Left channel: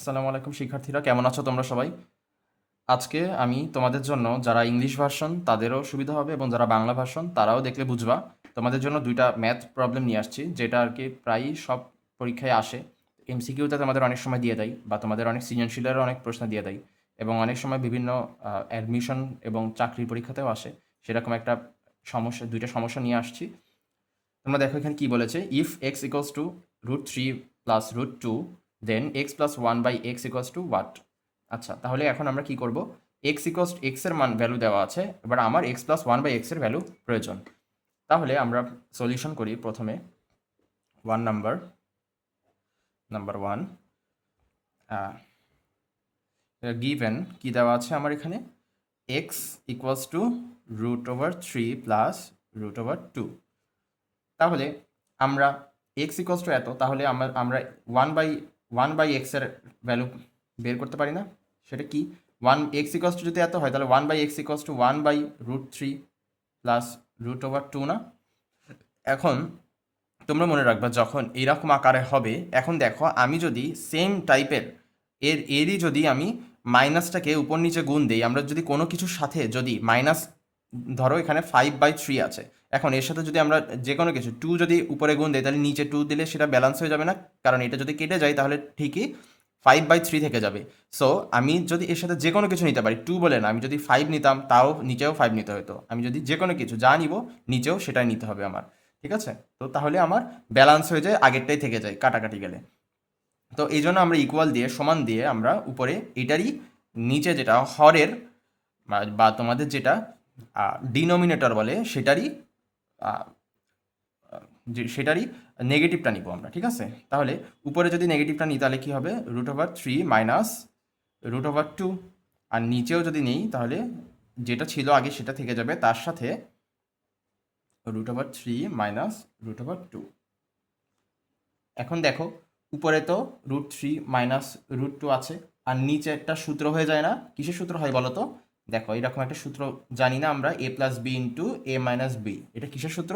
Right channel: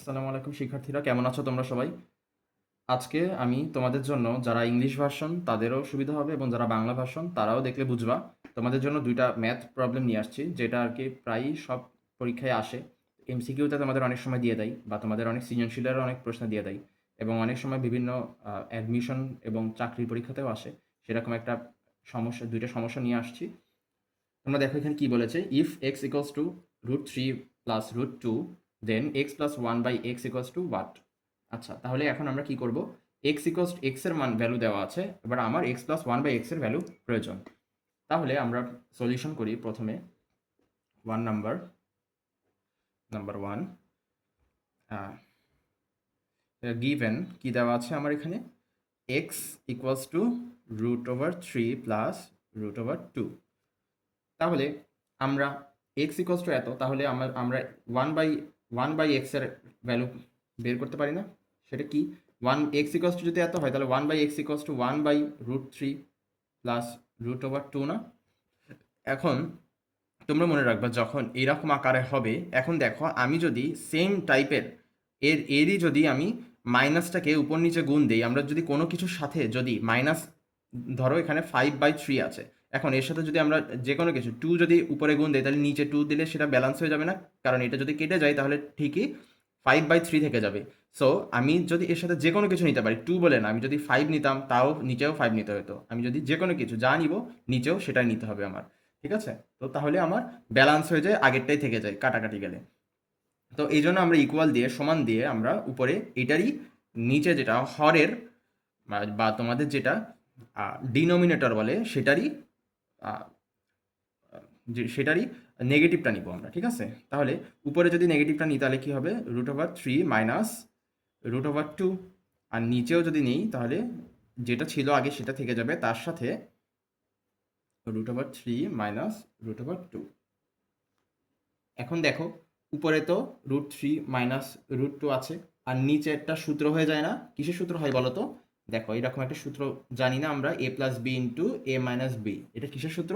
আসসালামু আলাইকুম শিক্ষার্থীরা, কেমন আছো তোমরা সবাই? আজকে আমি তোমাদের জন্য যারা ইংলিশ ভার্সন তাদেরও সুবিধা হবে এবং যারা বাংলা ভার্সন তারাও দেখলে বুঝবা। তোমাদের জন্য ২টা ম্যাথ প্রবলেম নিয়ে আসছি, যেটা আরকি প্রায়ই সব পরীক্ষায় আসে। এমসিকিউতে তোমাদের অনেক সময় দিয়ে দেয় বা তোমাদের অনেক সৃজনশীলেরও অনেক প্রশ্ন দিয়ে দেয় এবং অনেক সময় বিভিন্ন অ্যাডমিশন এবং চাকরির পরীক্ষাতেও আসে। সেরকম একটা সমস্যা ২টা সমস্যা নিয়ে আসছি। তোমরা দেখো এখানে কি বলেছে, if x equals to √3 plus √2 then x plus 1/x equals to what? আচ্ছা, তাহলে এখন আমরা কি করব? এক্স এর মান ভ্যালু দেওয়া আছে, এবার আমার এক্স প্লাস 1/x এর ভ্যালু প্রয়োজন। তাহলে আমরা সলিউশন করি প্রথমে। নাম্বার ওয়ান, গিভেন কি দেওয়া আছে আমার এখানে, এক্স ইকুয়ালস টু √3 প্লাস √2। তাহলে আমরা এক্স ইকুয়ালস টু এত, তাহলে আমরা ওয়ান বাই এক্স এর ভ্যালু বের করতে পারি না? সেটা কি? এক্স ইকুয়ালস টু যদি এত হয় তাহলে 1/x ইকুয়ালস টু 1/√3 প্লাস √2 না? এখন তোমরা মনে রাখবা, যখন এইরকম আকারে হবে, এখন দেখো আমি যদি সেম টাইপের এরই যদি আমি মাইনাসটাকে উপর নিচে গুণ দেই, আমরা যদি কোনো কিছুর সাথে যদি মাইনাস, ধরো এখানে 5/3 আছে, এখন এর সাথে যদি আমরা যে কোনো কিছু 2 যদি উপরে গুণ দেই তাহলে নিচে 2 দিলে সেটা ব্যালেন্স হয়ে যাবে না? কারণ এটা যদি কেটে যায় তাহলে ঠিকই 5/3 থেকে যাবে। সো আমি যদি এর সাথে যে কোনো কিছু নিতে পারি, 2 বলে না, আমি যদি 5 নিতাম তাও নিচেও 5 নিতে হতো। আমি যদি যে কোনো কিছু যা নিব নিচেও সেটাই নিতে হবে আমার। ঠিক আছে? তো তাহলে আমার ব্যালেন্স হয়ে যায়, আগেরটাই থেকে যায় কাটাকাটি গেলে। তো এই জন্য আমরা ইকুয়াল দিয়ে, সমান দিয়ে, আমরা উপরে এটারই নিচে যেটা হরের বা তোমাদের যেটা ডিনোমিনেটর বলে সেটারই আহ, সেটারই নেগেটিভটা নিব আমরা। ঠিক আছে? তাহলে উপরে যদি নেগেটিভটা নিই তাহলে কি হবে? √3 মাইনাস √2। আর নিচেও যদি নেই তাহলে যেটা ছিল আগে সেটা থেকে যাবে, তার সাথে √3 মাইনাস √2। এখন দেখো, উপরে তো √3 মাইনাস √2 আছে, আর নিচে একটা সূত্র হয়ে যায় না? কিসের সূত্র হয় বলো তো? দেখো এরকম একটা সূত্র জানি না আমরা, a plus B into a minus B. এটা কিসের সূত্র?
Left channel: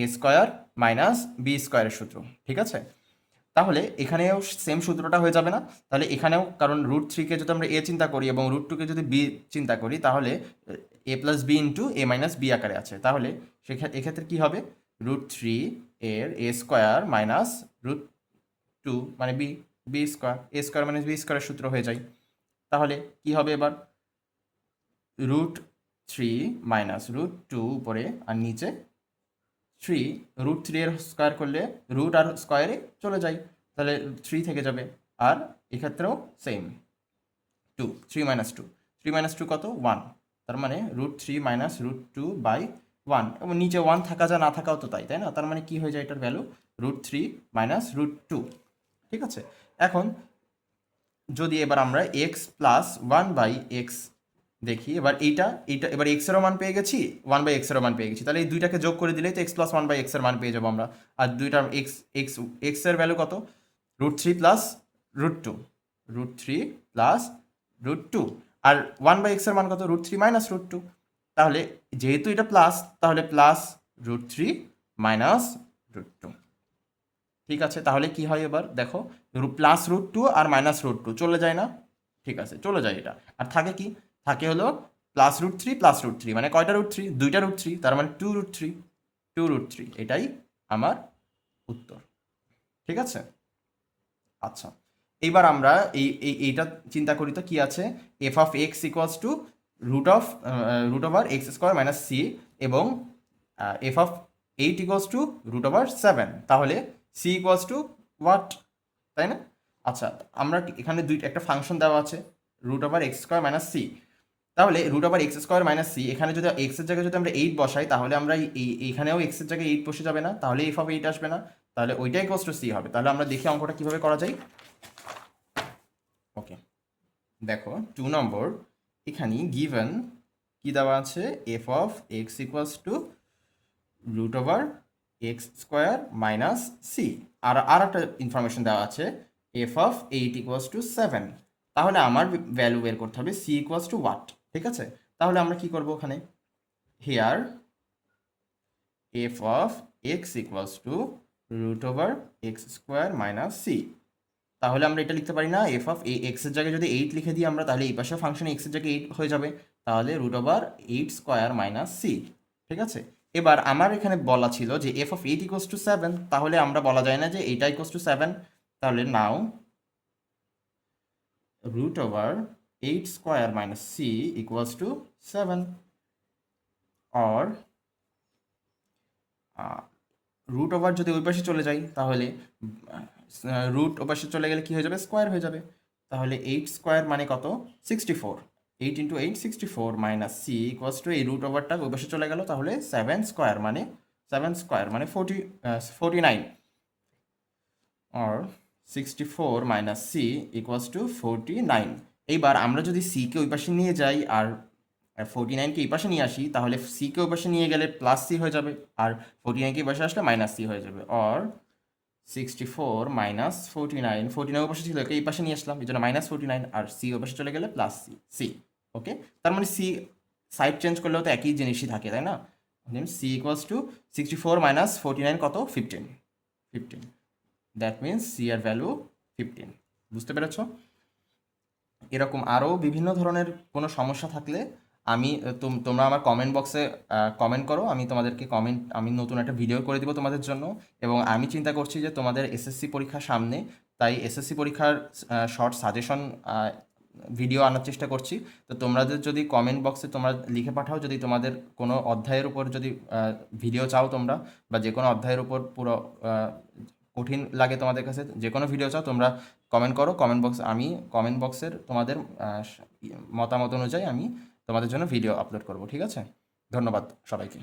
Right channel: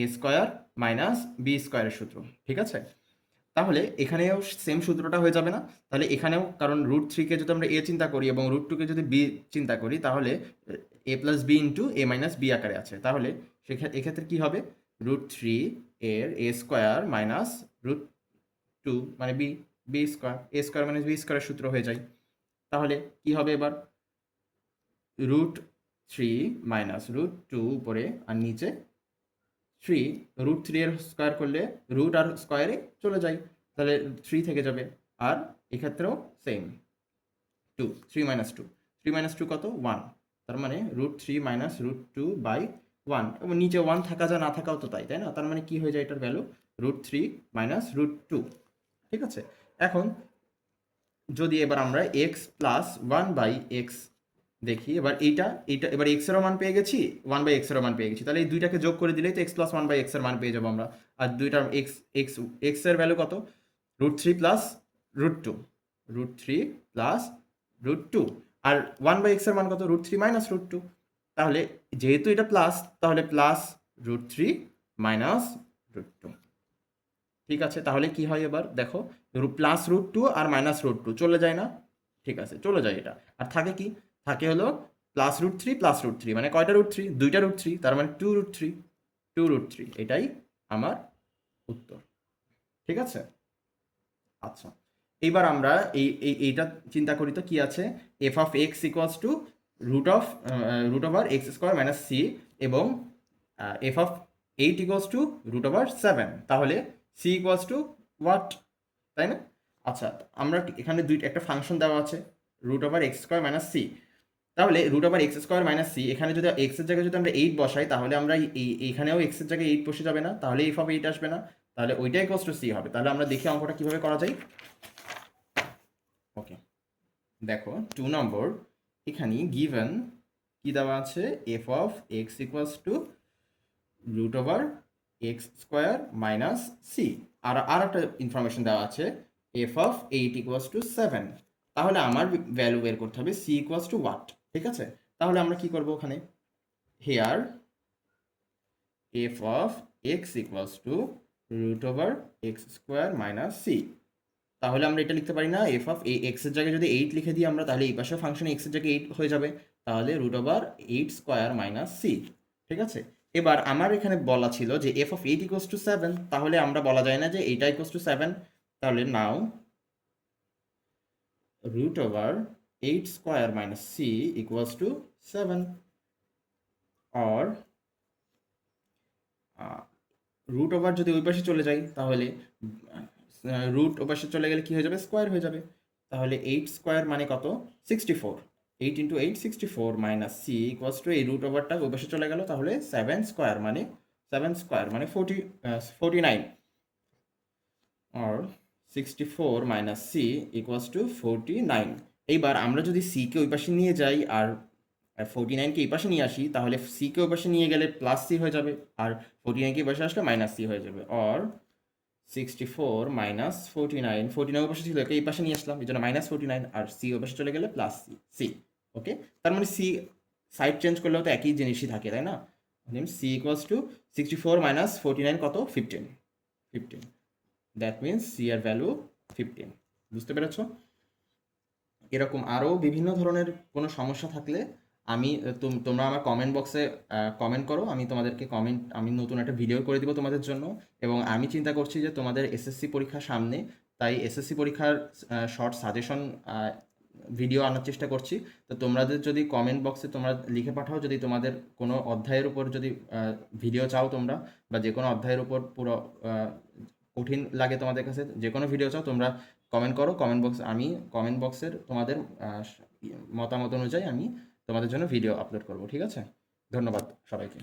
a স্কোয়ার মাইনাস বি স্কোয়ারের সূত্র। ঠিক আছে? তাহলে এখানেও সেম সূত্রটা হয়ে যাবে না? তাহলে এখানেও, কারণ √3-কে যদি আমরা a চিন্তা করি এবং √2-কে যদি b চিন্তা করি, তাহলে a plus B into a minus B আকারে আছে। তাহলে এক্ষেত্রে কি হবে? √3 এর a স্কোয়ার মাইনাস √2 মানে B square, a square minus B স্কোয়ারের সূত্র হয়ে যায়। তাহলে কি হবে এবার? √3 মাইনাস √2 উপরে, আর নিচে 3। √3 এর স্কোয়ার করলে রুট আর স্কোয়ারে চলে যায়, তাহলে 3 থেকে যাবে। আর এক্ষেত্রেও সেম, 2, 3 মাইনাস 2, 3 মাইনাস 2 কত? 1। তার মানে √3 মাইনাস √2/1, এবং নিচে 1 থাকা যা না থাকাও তো তাই, তাই না? তার মানে কি হয়ে যায় এটার ভ্যালু? √3 মাইনাস √2। ঠিক আছে? এখন যদি এবার আমরা এক্স প্লাস 1/x দেখি, এবার এইটা এইটা এবার এক্স এরও মান পেয়ে গেছি, 1/x এরও মান পেয়ে গেছি, তাহলে এই দুইটাকে যোগ করে দিলেই তো এক্স প্লাস 1/x এর মান পেয়ে যাবো আমরা। আর দুইটা এক্স এক্স এক্স এর ভ্যালু কত? √3 প্লাস √2, √3 প্লাস √2। আর 1/x এর মান কত? √3 মাইনাস √2। তাহলে যেহেতু এটা প্লাস, তাহলে প্লাস √3 মাইনাস √2। ঠিক আছে? তাহলে কি হয় এবার দেখো, প্লাস √2 আর মাইনাস √2 চলে যায় না? ঠিক আছে, চলে যায় এটা। আর থাকে কি? থাকে হলো প্লাস √3 প্লাস √3, মানে কয়টা √3? দুইটা √3, তার মানে 2√3। এটাই আমার উত্তর। ঠিক আছে? আচ্ছা, এইবার আমরা এইটা চিন্তা করি তো কি আছে? F of x equals to √x² minus C, এবং এফ অফ 8 ইকুয়ালস টু √7। তাহলে সি ইকুয়ালস টু হোয়াট? তাই না? আচ্ছা, আমরা এখানে একটা ফাংশন দেওয়া আছে √x² মাইনাস সি। তাহলে √x² মাইনাস সি, এখানে যদি এক্স এর জায়গায় যদি আমরা 8 বসাই, তাহলে আমরা এইখানেও এক্স এর জায়গায় 8 বসে যাবে না? তাহলে এফ অফ 8 আসবে না? তাহলে ওইটাই ইকুয়ালস টু সি হবে। তাহলে আমরা দেখি অঙ্কটা কিভাবে করা যায়। ওকে, দেখো 2 নম্বর, এখানে গিভেন কি দেওয়া আছে? F of x equals to √x² minus c. আর একটা ইনফরমেশন দেওয়া আছে, এফ অফ 8 ইকুয়ালস টু 7। তাহলে আমার ভ্যালু বের করতে হবে সি ইকুয়ালস টু হোয়াট? ঠিক আছে? তাহলে আমরা কি করব ওখানে? Here f of x equals to √x² minus C. তাহলে আমরা এটা লিখতে পারি না এফ অফ এক্স এর জায়গায় যদি 8 লিখে দিই আমরা, তাহলে এই পাশে ফাংশন এক্স এর জায়গায় 8 হয়ে যাবে, তাহলে √8 স্কোয়ার মাইনাস সি। ঠিক আছে, এবার আমার এখানে বলা ছিল যে এফ অফ 8 ইকুয়ালস টু 7, তাহলে আমরা বলা যায় না যে এইটা ইকুয়ালস টু 7, তাহলে now √8 square minus C equals to 7, or root over যদি ওই পাশে চলে যাই তাহলে রুট ও পাশে চলে গেলে কি হয়ে যাবে, স্কোয়ার হয়ে যাবে। তাহলে 8 স্কোয়ার মানে কত, 64, 8 into 8 64 minus C equals to এই রুট ওভারটা ওই পাশে চলে গেল, তাহলে 7 স্কোয়ার মানে 49, আর 64 মাইনাস সি ইকুয়ালস টু 49। এইবার আমরা যদি সিকে ওই পাশে নিয়ে যাই আর 49কে এই পাশে নিয়ে আসি, তাহলে সিকে ওই পাশে নিয়ে গেলে প্লাস সি হয়ে যাবে, আর 49কে এই পাশে আসলে মাইনাস সি হয়ে যাবে, আর 64 মাইনাস 49 ওই পাশে ছিল, এই পাশে নিয়ে আসলাম, এই জন্য -49, আর সি ওই পাশে চলে গেলে প্লাস সি। ওকে, তার মানে সি সাইড চেঞ্জ করলেও তো একই জিনিসই থাকে, তাই না? সি ইকুয়ালস টু 64 মাইনাস 49 কত, 15। দ্যাট মিনস সি এর ভ্যালু 15। বুঝতে পেরেছ? এরকম আরও বিভিন্ন ধরনের কোনো সমস্যা থাকলে আমি তোমরা আমার কমেন্ট বক্সে কমেন্ট করো, আমি নতুন একটা ভিডিও করে দিব তোমাদের জন্য। এবং আমি চিন্তা করছি যে তোমাদের এসএসসি পরীক্ষার সামনে, তাই এসএসসি পরীক্ষার শর্ট সাজেশন ভিডিও আনার চেষ্টা করছি। তো তোমাদের যদি কমেন্ট বক্সে তোমরা লিখে পাঠাও যদি তোমাদের কোনো অধ্যায়ের উপর যদি ভিডিও চাও তোমরা, বা যে কোনো অধ্যায়ের উপর পুরো কঠিন লাগে তোমাদের কাছে, যে কোনো ভিডিও চাও তোমরা কমেন্ট করো আমি কমেন্ট বক্সের তোমাদের মতামত অনুযায়ী আমি তোমাদের জন্য ভিডিও আপলোড করব। ঠিক আছে, ধন্যবাদ সবাইকে।